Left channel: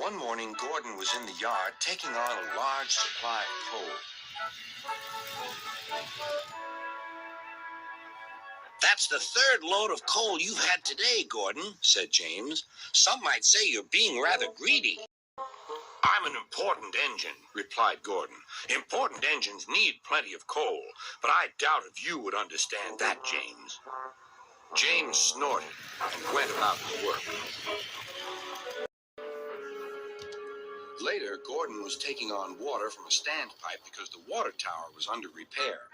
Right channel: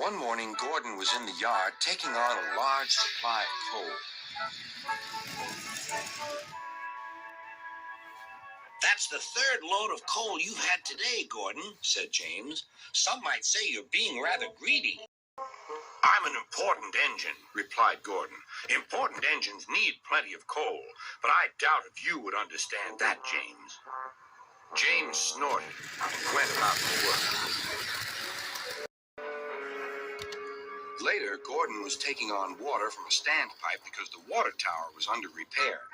One morning, Gordon was in the yard taking on a large supply of coal. "That's the third load of coal you've had today, Gordon," said James. "Some might say you're being rather greedy." "I'm an important engine," replied Gordon. "Important engines need plenty of coal, but I doubt if you would understand that, James." James snorted and went about his work. Later, Gordon was taking on water from a standpipe because the water tower was under repair.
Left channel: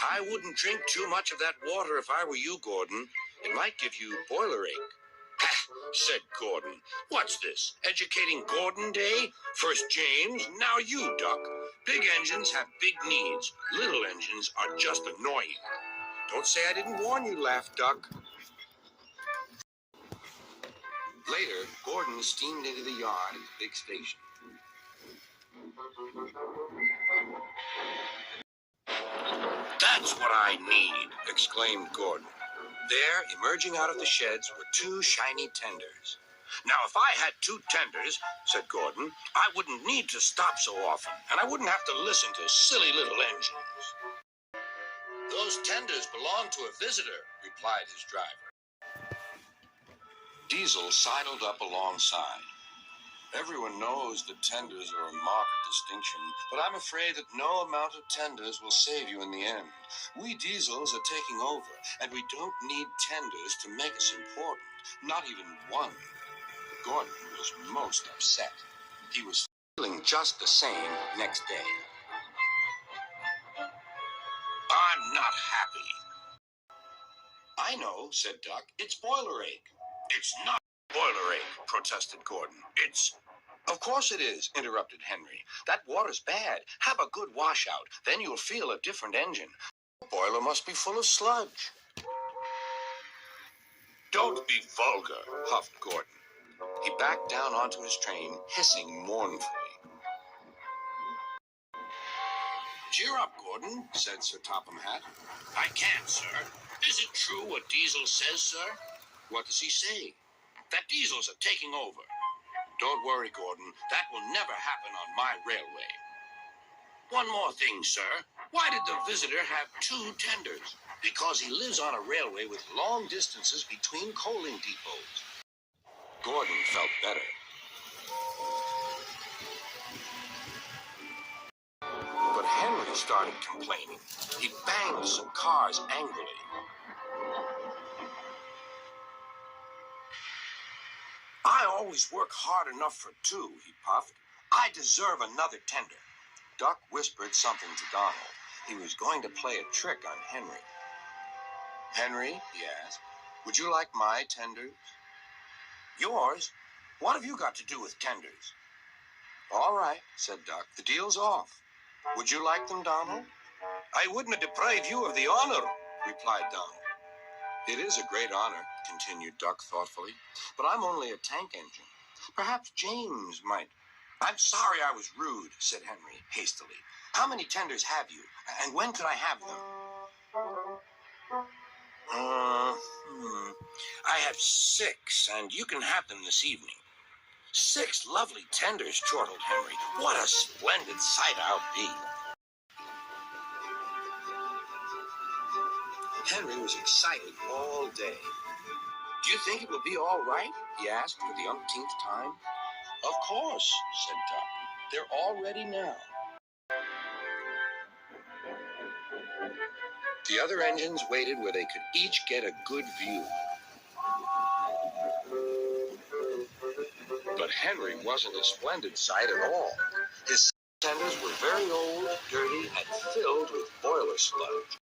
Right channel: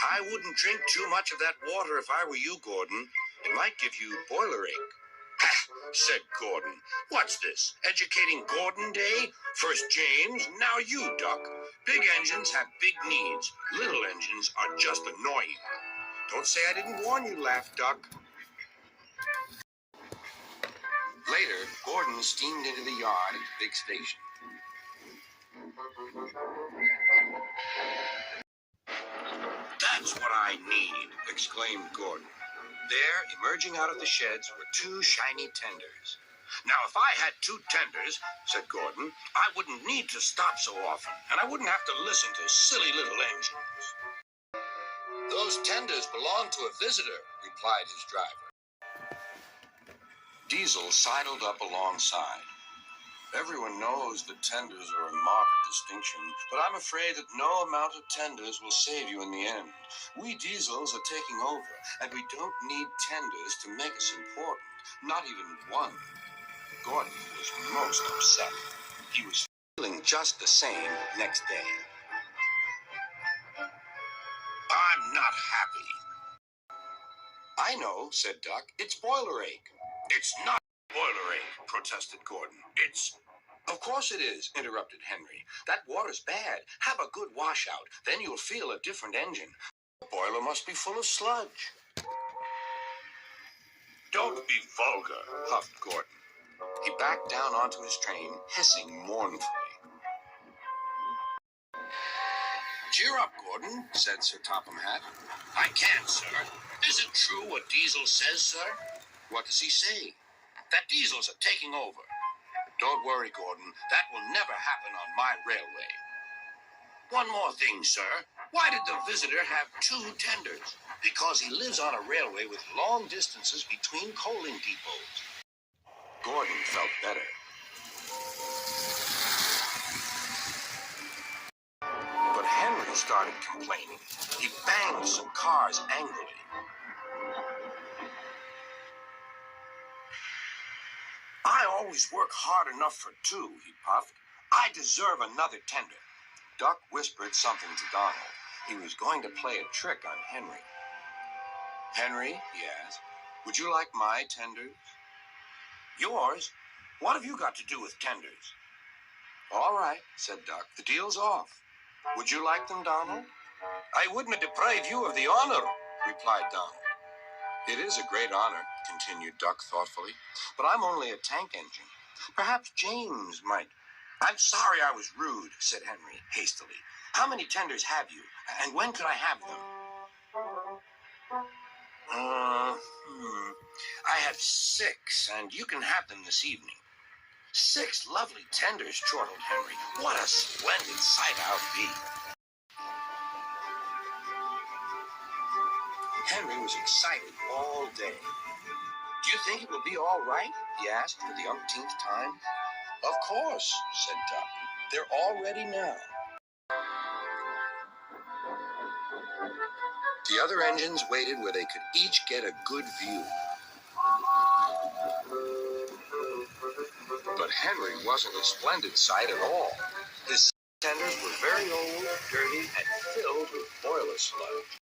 "I wouldn't drink too much of that water if I were you, Gordon. It might give you boiler ache." "Ha!" said Gordon. "What's this, educating Gordon Day? First James, now you, Duck. Big engines have big needs. Little engines are just annoying." "Don't say I didn't warn you," laughed Duck. Later, Gordon steamed into the yard at the big station. "That's what I need," exclaimed Gordon. There, emerging out of the sheds, were two shiny tenders. "Now, if I had two tenders," said Gordon, "I wouldn't need to stop so often, and I wouldn't have to listen to silly little engines." "Those tenders belong to a visitor," replied his driver. Diesel sidled up alongside. "Everyone knows that tenders are a mark of distinction, but I'm afraid that no amount of tenders will save you in the end. We Diesels are taking over, and we don't need tenders to make us important, not even one." Gordon was most upset. He was feeling just the same next day. "I'm not happy." "I know," said Duck. "It's boiler ache." "It's not boiler ache," protested Gordon. "It's—" "Of course it is," interrupted Henry. "That water's bad. Have a good washout. Then you'll feel a different engine. The boiler must be full of sludge." "Don't be vulgar," huffed Gordon. He backed down onto his train, hissing mournfully. "Cheer up, Gordon," said Sir Topham Hatt. "I can't, sir. Is it true what Diesel says, sir?" "What does he say?" "That Diesels are taking over." "Don't worry, Gordon. That will never happen on my railway." "One more thing, sir. Why did the visitor have two tenders?" "Because he lives on a railway with long distances between coaling depots." Gordon felt better. But Henry started complaining. He banged some cars angrily. "I always work hard enough for two," he puffed. "I deserve another tender." Duck whispered something to Donald. He was going to play a trick on Henry. "Henry," he asked, "would you like my tenders?" "Yours? What have you got to do with tenders?" "All right," said Duck. "The deal's off. Would you like them, Donald?" "I wouldn't deprive you of the honor," replied Donald. "It is a great honor," continued Duck thoughtfully, "but I'm only a tank engine. Perhaps James might—" "I'm sorry I was rude," said Henry hastily. "How many tenders have you, and when could I have them?" "I have 6, and you can have them this evening." "6 lovely tenders," chortled Henry. "What a splendid sight I'll be." Henry was excited all day. "Do you think it will be all right?" he asked for the umpteenth time. "Of course," said Duck. "They're all ready now." The other engines waited where they could each get a good view. But Henry wasn't a splendid sight at all. His tenders were very old, dirty, and filled with boiler sludge.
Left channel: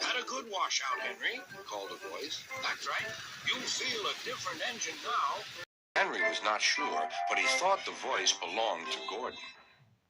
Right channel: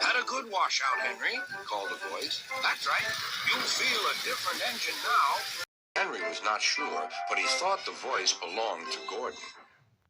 "Had a good washout, Henry," called a voice. "That's right. You feel a different engine now." Henry was not sure, but he thought the voice belonged to Gordon.